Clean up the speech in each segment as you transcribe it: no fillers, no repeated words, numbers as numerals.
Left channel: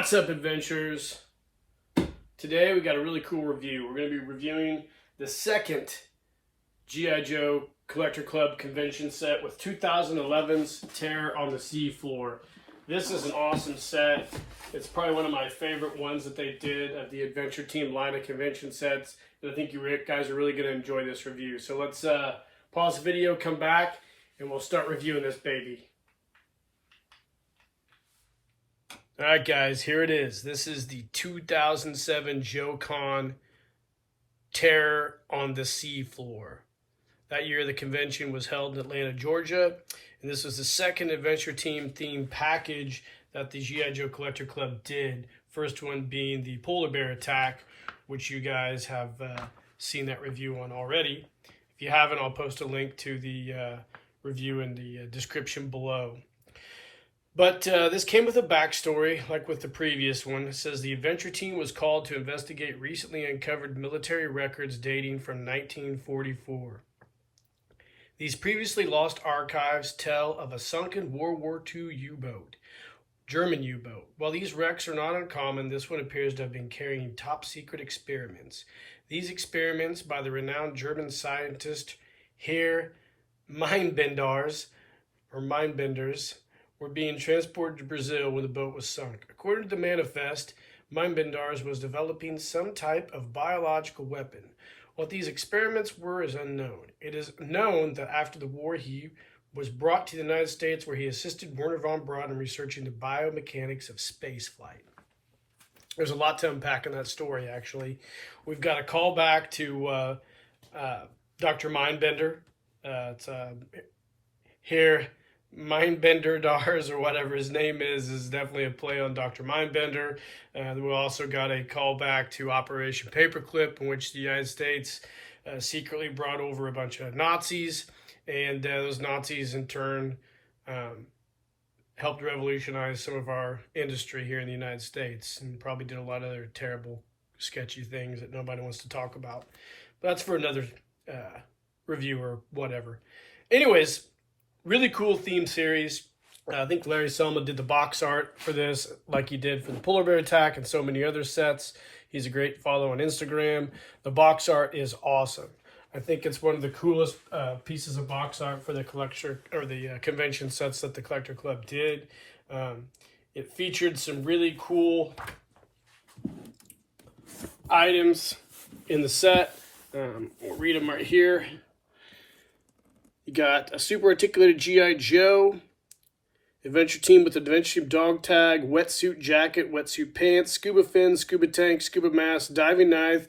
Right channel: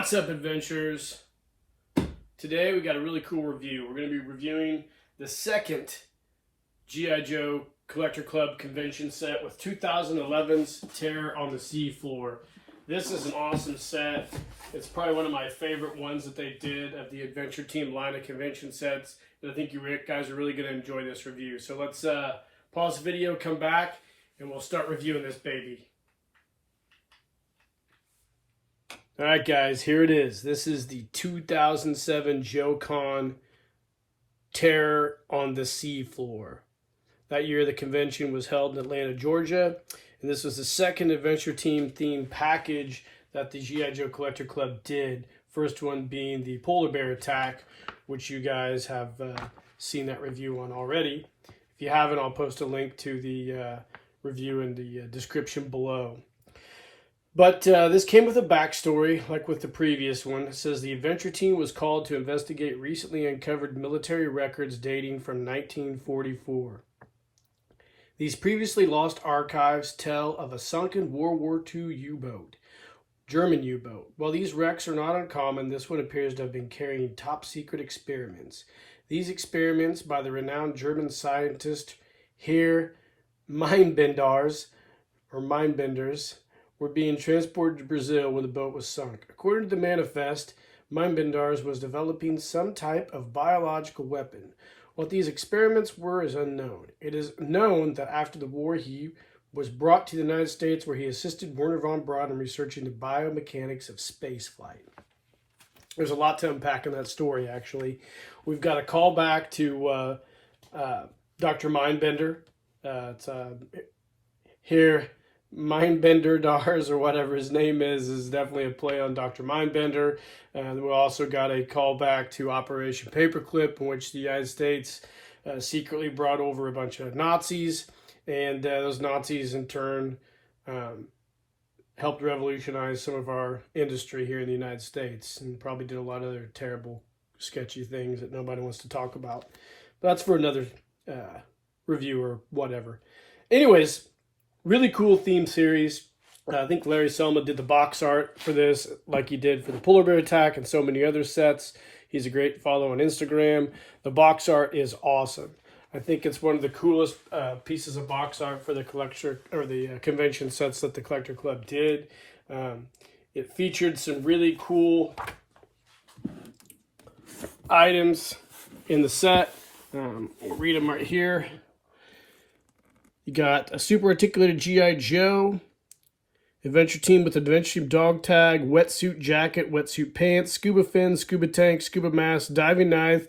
What's up, adventurers? Today we got a really cool review. We're going to be reviewing the second G.I. Joe Collector Club convention set with 2011's Terror on the Seafloor. This is an awesome set. It's probably one of my favorite ones that they did of the Adventure Team line of convention sets. And I think you guys are really going to enjoy this review. So let's pause the video, come back, and we'll start reviewing this baby. Alright guys, here it is. This is the 2007 JOECON Terror on the Seafloor. That year the convention was held in Atlanta, Georgia. And this was the second Adventure Team themed package that the G.I. Joe Collector Club did. First one being the Polar Bear Attack, which you guys have seen that review on already. If you haven't, I'll post a link to the review in the description below. But this came with a backstory, like with the previous one. It says the Adventure Team was called to investigate recently uncovered military records dating from 1944. These previously lost archives tell of a sunken World War II U-boat, German U-boat. While these wrecks are not uncommon, this one appears to have been carrying top-secret experiments. These experiments by the renowned German scientist Herr Mindbenders, were being transported to Brazil when the boat was sunk. According to the manifest, Mindbenders was developing some type of biological weapon. What these experiments were is unknown. It is known that after the war, he was brought to the United States where he assisted Wernher von Braun in researching the biomechanics of spaceflight. There's a lot to unpack in that story, actually. We've got a callback to Dr. Mindbender. It's here. Mindbenders, or whatever his name is definitely a play on Dr. Mindbender. We also got a callback to Operation Paperclip, in which the United States secretly brought over a bunch of Nazis, and those Nazis in turn helped revolutionize some of our industry here in the United States, and probably did a lot of other terrible, sketchy things that nobody wants to talk about. But that's for another review or whatever. Anyways, really cool theme series. I think Larry Selma did the box art for this, like he did for the Polar Bear Attack and so many other sets. He's a great follow on Instagram. The box art is awesome. I think it's one of the coolest pieces of box art for the collector or the convention sets that the Collector Club did. It featured some really cool items in the set. We'll read them right here. You got a super articulated G.I. Joe, Adventure Team with Adventure Team dog tag, wetsuit jacket, wetsuit pants, scuba fin, scuba tank, scuba mask, diving knife,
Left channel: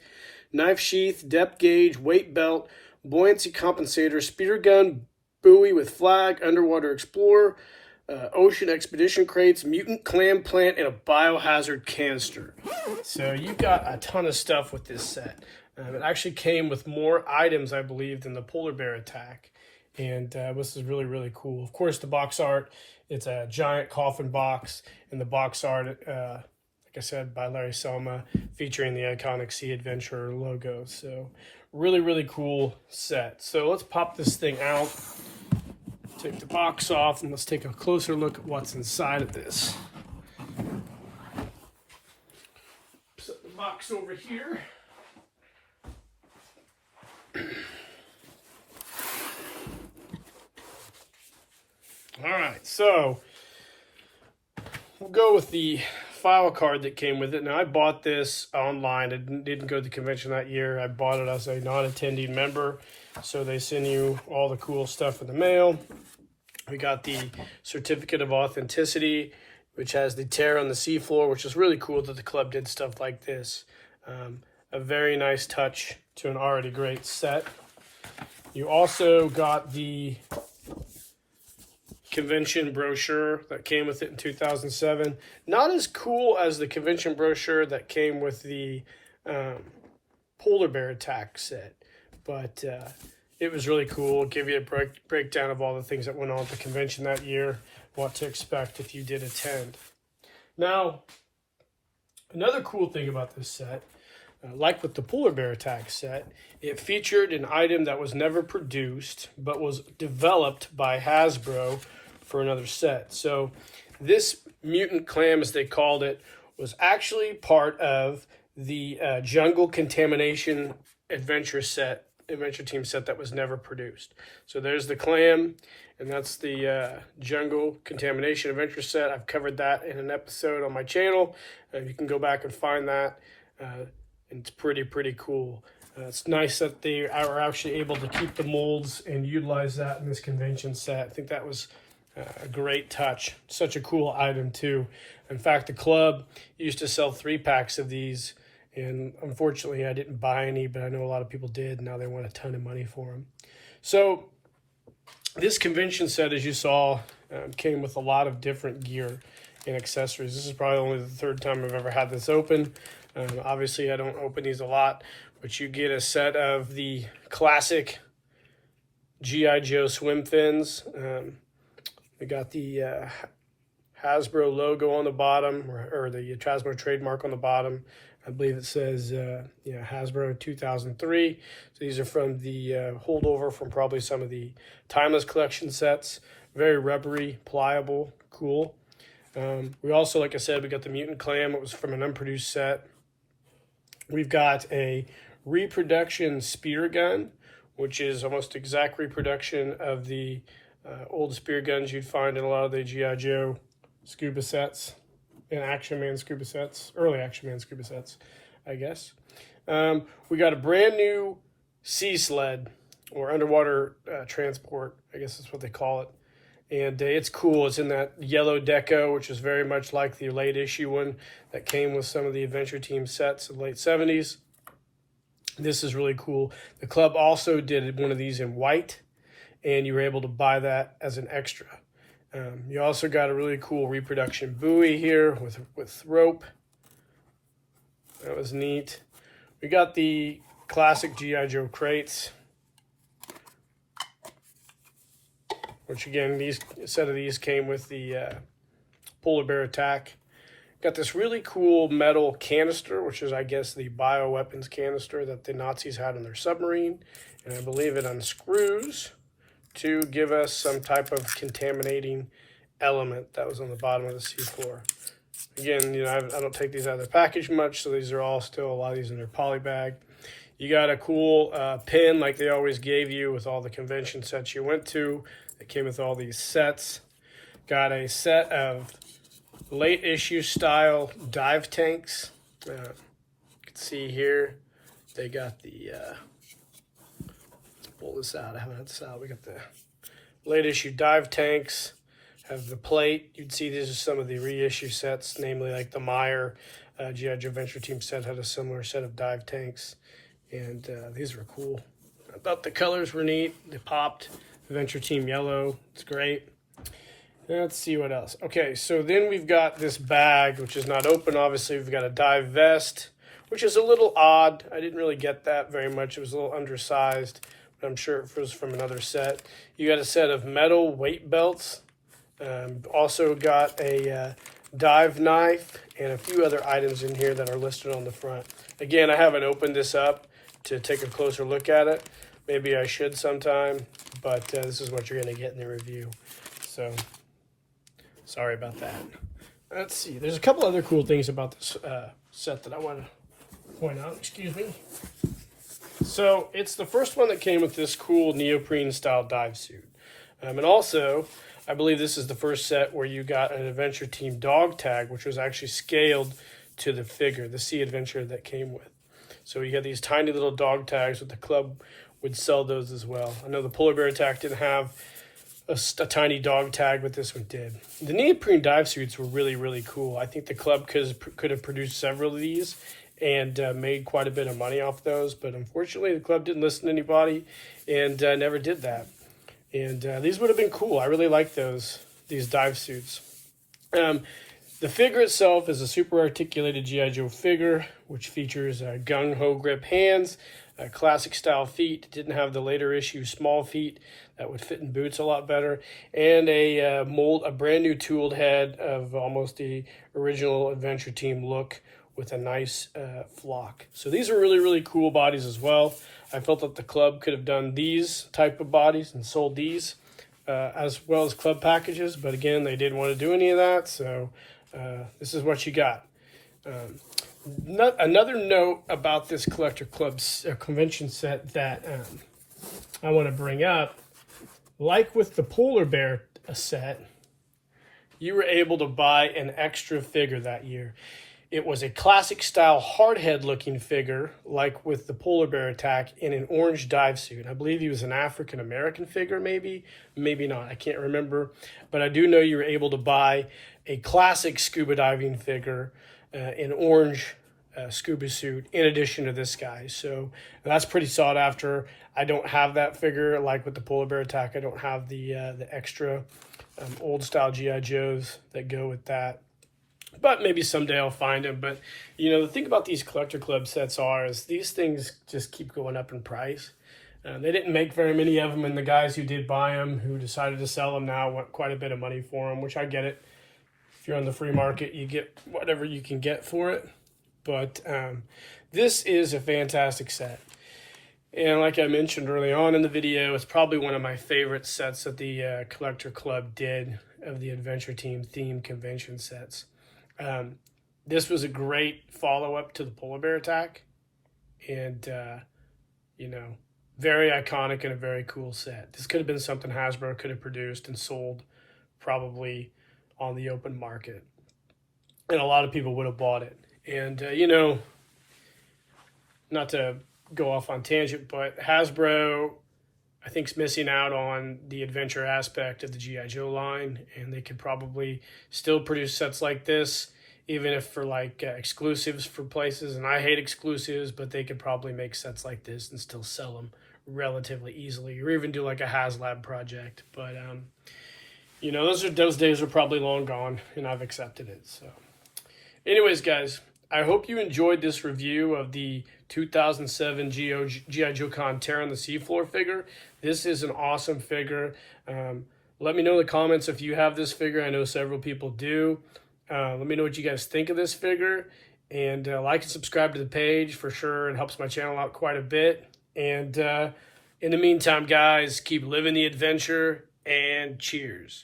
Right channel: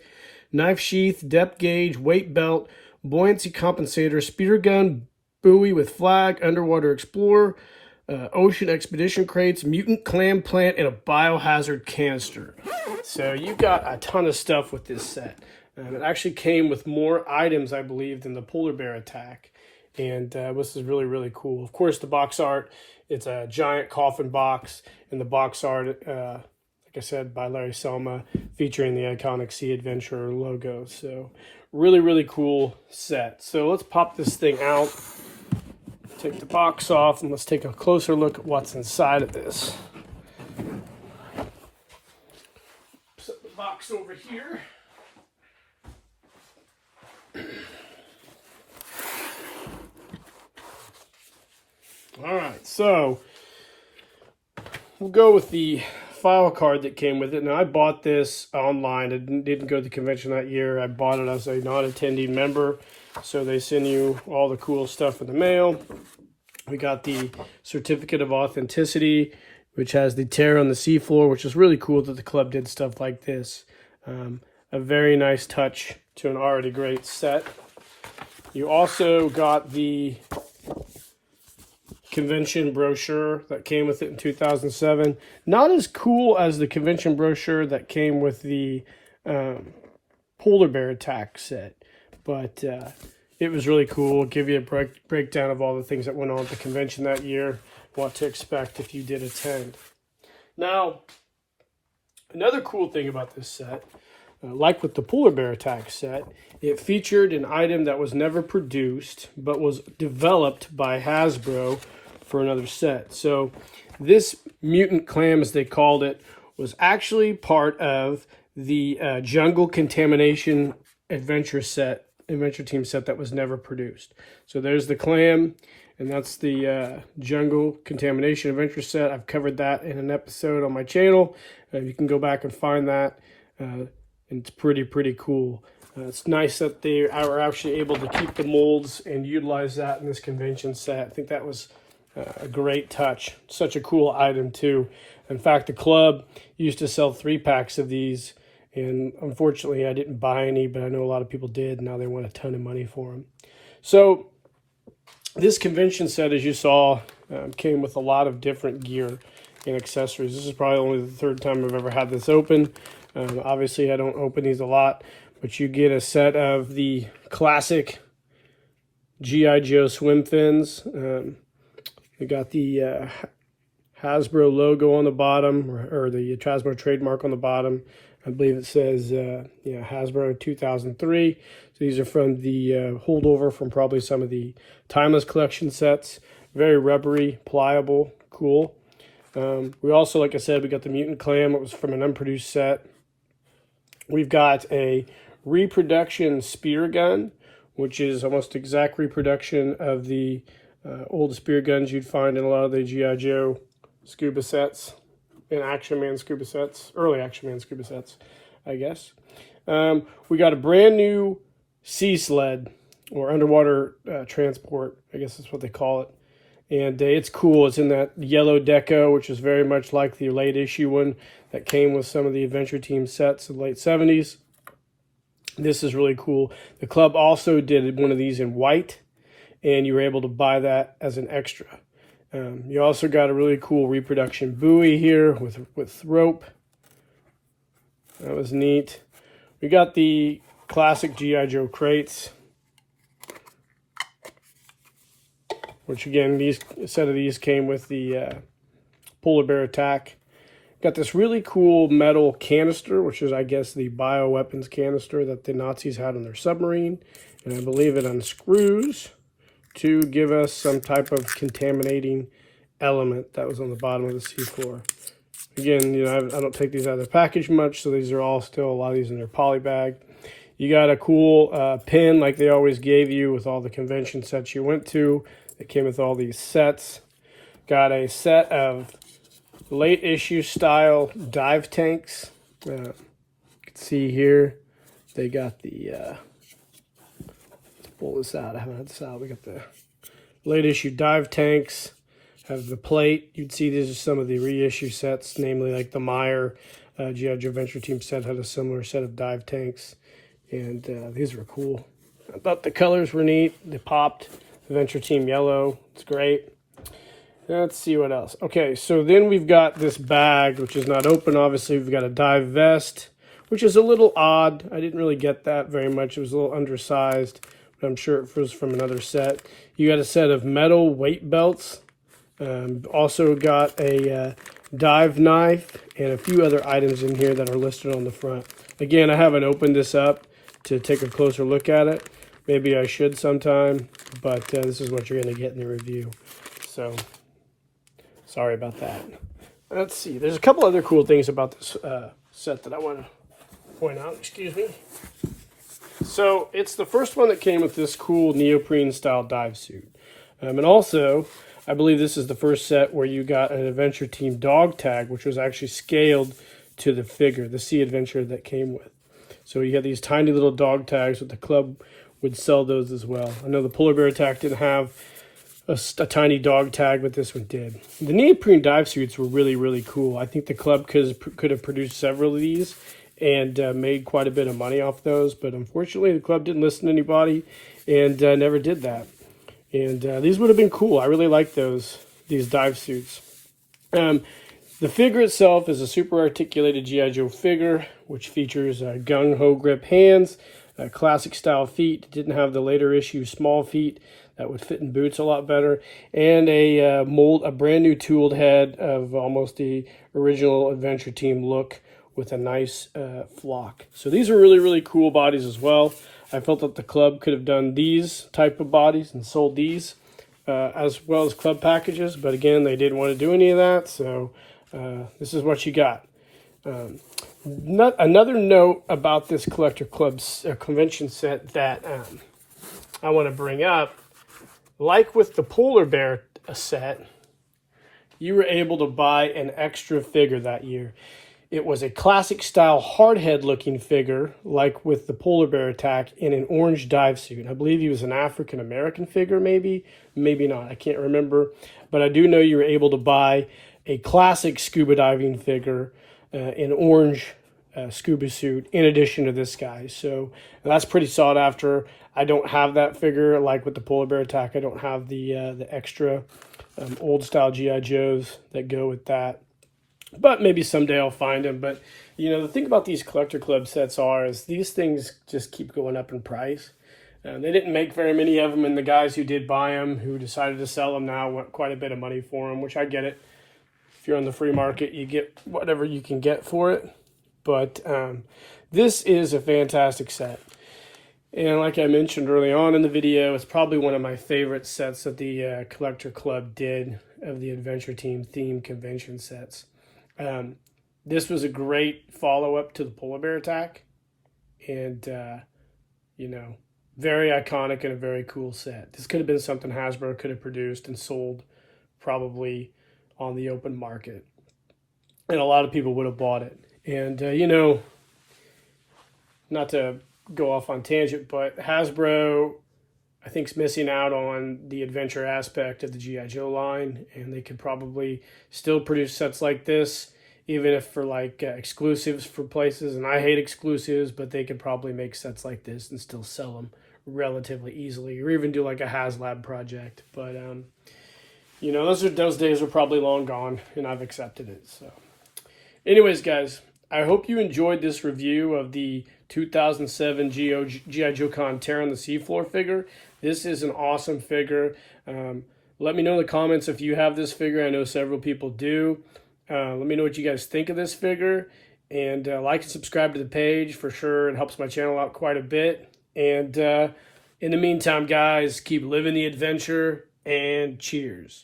knife sheath, depth gauge, weight belt, buoyancy compensator, speeder gun, buoy with flag, underwater explorer, ocean expedition crates, mutant clam plant, and a biohazard canister. So you got a ton of stuff with this set. It actually came with more items, I believe, than the Polar Bear Attack. And this is really, really cool. Of course, the box art, it's a giant coffin box. And the box art, like I said, by Larry Selma, featuring the iconic Sea Adventurer logo. So really, really cool set. So let's pop this thing out, take the box off, and let's take a closer look at what's inside of this. Set the box over here. All right, so we'll go with the file card that came with it. Now, I bought this online. I didn't go to the convention that year. I bought it as a non-attending member, so they send you all the cool stuff in the mail. We got the Certificate of Authenticity, which has the Terror on the Seafloor, which is really cool that the club did stuff like this. A very nice touch to an already great set. You also got the convention brochure that came with it in 2007. Not as cool as the convention brochure that came with the Polar Bear Attack set, but it was really cool. It'll give you a breakdown of all the things that went on at the convention that year, what to expect if you did attend. Now, another cool thing about this set, like with the Polar Bear Attack set, it featured an item that was never produced but was developed by Hasbro for another set. So this mutant clam, as they called it, was actually part of the Jungle Contamination Adventure Team set that was never produced. So there's the clam, and that's the Jungle Contamination Adventure set. I've covered that in an episode on my channel, and you can go back and find that. And it's pretty cool. It's nice that they are actually able to keep the molds and utilize that in this convention set. I think that was a great touch. Such a cool item too. In fact, the club used to sell 3-packs of these, and unfortunately I didn't buy any, but I know a lot of people did. Now they want a ton of money for them. So this convention set, as you saw, came with a lot of different gear and accessories. This is probably only the 3rd time I've ever had this open. Obviously I don't open these a lot, but you get a set of the classic G.I. Joe swim fins. You got the Hasbro logo on the bottom, or the Hasbro trademark on the bottom. I believe it says Hasbro 2003. So these are from the holdover from probably some of the Timeless Collection sets. Very rubbery, pliable, cool. We also, like I said, we got the Mutant Clam. It was from an unproduced set. We've got a reproduction spear gun, which is almost exact reproduction of the old spear guns you'd find in a lot of the G.I. Joe scuba sets and Action Man scuba sets, early Action Man scuba sets, I guess. We got a brand new sea sled, or underwater transport, I guess that's what they call it. And it's cool. It's in that yellow deco, which is very much like the late issue one that came with some of the Adventure Team sets in the late 70s. This is really cool. The club also did one of these in white, and you were able to buy that as an extra. You also got a really cool reproduction buoy here with rope. That was neat. We got the classic G.I. Joe crates, which again, a set of these came with the Polar Bear Attack. Got this really cool metal canister, which is, I guess, the bioweapons canister that the Nazis had in their submarine. And I believe it unscrews to give us some type of contaminating element that was on the bottom of the seafloor. Again, I don't take these out of the package much, so these are all still, a lot of these in their poly bag. You got a cool pin like they always gave you with all the convention sets you went to. It came with all these sets. Got a set of late issue style dive tanks. You can see here, they got the, let's pull this out. I haven't had this out. We got the late issue dive tanks, have the plate. You'd see these are some of the reissue sets, namely like the Meyer G.I. Joe Adventure Team set had a similar set of dive tanks. And these were cool. I thought the colors were neat. They popped. Adventure Team yellow. It's great. Let's see what else. Okay, so then we've got this bag, which is not open. Obviously, we've got a dive vest, which is a little odd. I didn't really get that very much. It was a little undersized, but I'm sure it was from another set. You got a set of metal weight belts. Also got a dive knife and a few other items in here that are listed on the front. Again, I haven't opened this up to take a closer look at it. Maybe I should sometime, but this is what you're going to get in the review. So, sorry about that. Let's see. There's a couple other cool things about this set that I want to point out. Excuse me. So, it's the first one that came with this cool neoprene-style dive suit. And also, I believe this is the first set where you got an Adventure Team dog tag, which was actually scaled to the figure, the Sea Adventure that came with. So you had these tiny little dog tags, but the club would sell those as well. I know the Polar Bear Attack didn't have a tiny dog tag, but this one did. The neoprene dive suits were really, really cool. I think the club could have produced several of these and made quite a bit of money off those, but unfortunately the club didn't listen to anybody and never did that. And these would have been cool. I really like these dive suits. The figure itself is a super articulated G.I. Joe figure, which features gung-ho grip hands, classic style feet, didn't have the later issue small feet that would fit in boots a lot better, and a brand new tooled head of almost the original Adventure Team look with a nice flock. So these are really, really cool bodies as well. I felt that the club could have done these type of bodies and sold these as well as club packages, but again, they didn't want to do any of that, so this is what you got. Another note about this Collector Club's convention set that I want to bring up, like with the Polar Bear set, you were able to buy an extra figure that year. It was a classic style hardhead looking figure, like with the Polar Bear attack, in an orange dive suit. I believe he was an African American figure, maybe not. I can't remember, but I do know you were able to buy a classic scuba diving figure in orange scuba suit in addition to this guy. So that's pretty sought after. I don't have that figure like with the Polar Bear attack. I don't have the extra old style GI Joes that go with that. But maybe someday I'll find them. But, you know, the thing about these Collector Club sets is these things just keep going up in price. They didn't make very many of them, and the guys who did buy them, who decided to sell them now, want quite a bit of money for them, which I get it. If you're on the free market, you get whatever you can get for it. But this is a fantastic set. And like I mentioned early on in the video, it's probably one of my favorite sets that the Collector Club did of the Adventure Team themed convention sets. This was a great follow-up to the Polar Bear attack, and you know, very iconic and a very cool set. This could have been something Hasbro could have produced and sold probably on the open market, and a lot of people would have bought it. And you know, not to go off on tangent, but Hasbro, I think, is missing out on the adventure aspect of the GI Joe line, and they could probably still produce sets like this, even if for like exclusives for places. And I hate exclusives, but they could probably make sets like this and still sell them relatively easily, or even do like a HasLab project. But you know, those days are probably long gone, and I've accepted it. So, anyways, guys, I hope you enjoyed this review of the 2007 G.I. JOECON Terror on the Seafloor figure. This is an awesome figure. Let me know in the comments if you have this figure. I know several people do. Let me know what you guys think of this figure. And like and subscribe to the page for sure. It helps my channel out quite a bit. And in the meantime, guys, keep living the adventure, and cheers.